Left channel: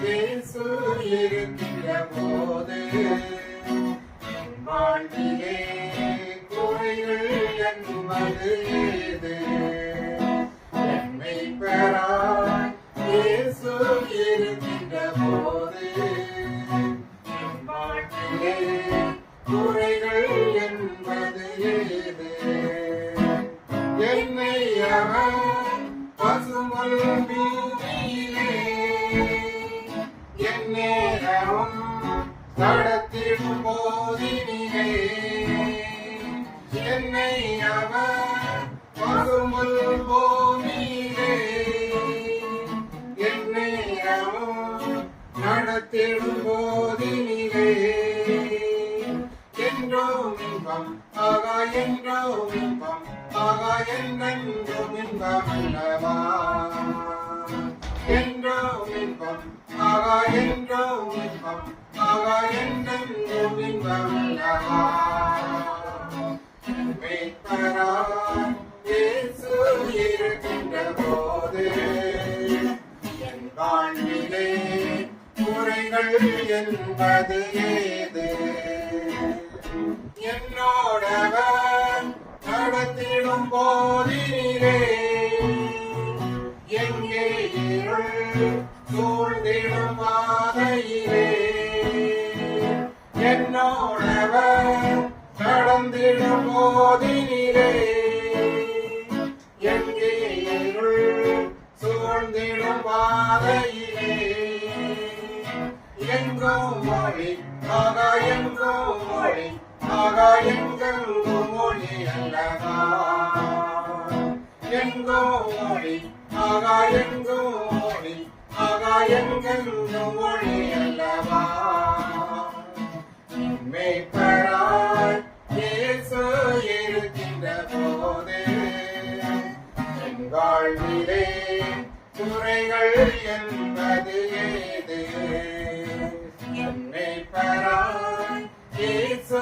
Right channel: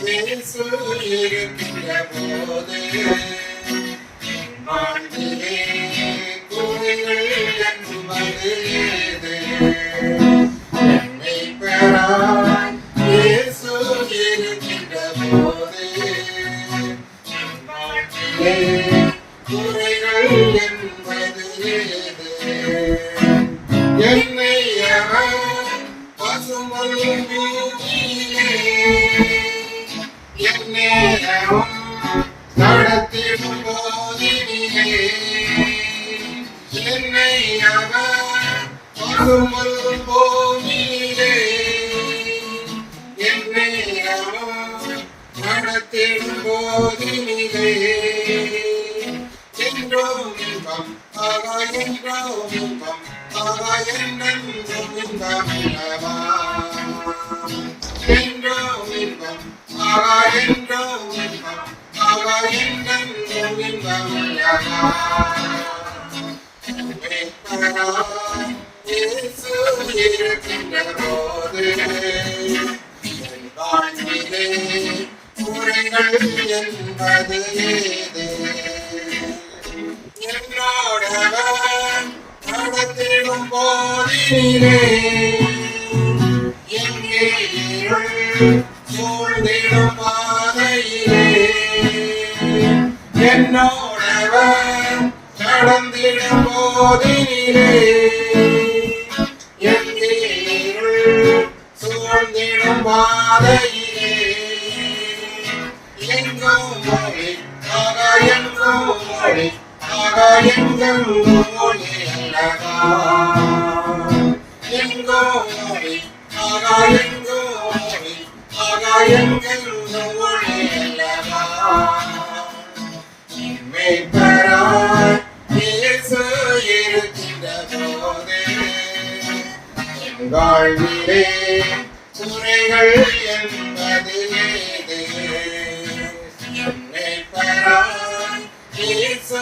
இயேசு இருக்கின்ற போது வாழ்விலே குறைகள் என்பது ஏது? என்னை பெறாய் இயேசு இருக்கின்ற போது வாழ்விலே குறைகள் என்பது ஏது? என்னை அவன் பசுமல் பூமியிலே என்னேரமும் நடத்திடும் போதினிலே என்னை அவன் பசுமல் பூமியிலே என்னேரமும் நடத்திடும் போதினிலே என்றோம் இன்பம் ஆகா என்றோம் இன்பம் ஆகா என்றென்றும் இன்பம் அல்லவா என்றோம் இன்பம் ஆகா என்றோம் இன்பம் ஆகா என்றென்றும் இன்பம் அல்லவா மீட்பராய் இயேசு இருக்கின்ற போது என் வாழ்விலே குறைகள் என்பது ஏது? என்னோடவன் நடத்திடும் போதினிலே எங்கே இருள் சூழ்ந்திடும் பாதையிலே என்னோடவன் நடந்திடும் போதினிலே எங்கே இருள் சூழ்ந்திடும் பாதையிலே எங்கும் மொழி ஆகா எங்கும் மொழி ஆகா எங்கெங்கும் மொழி அல்லவா எங்கும் மொழி ஆகா எங்கும் மொழி ஆகா எங்கெங்கும் மொழி அல்லவா மீட்பராய் இயேசு இருக்கின்ற போது என் வாழ்விலே குறைகள் என்பது ஏது? என்னை பெறாய் இயேசு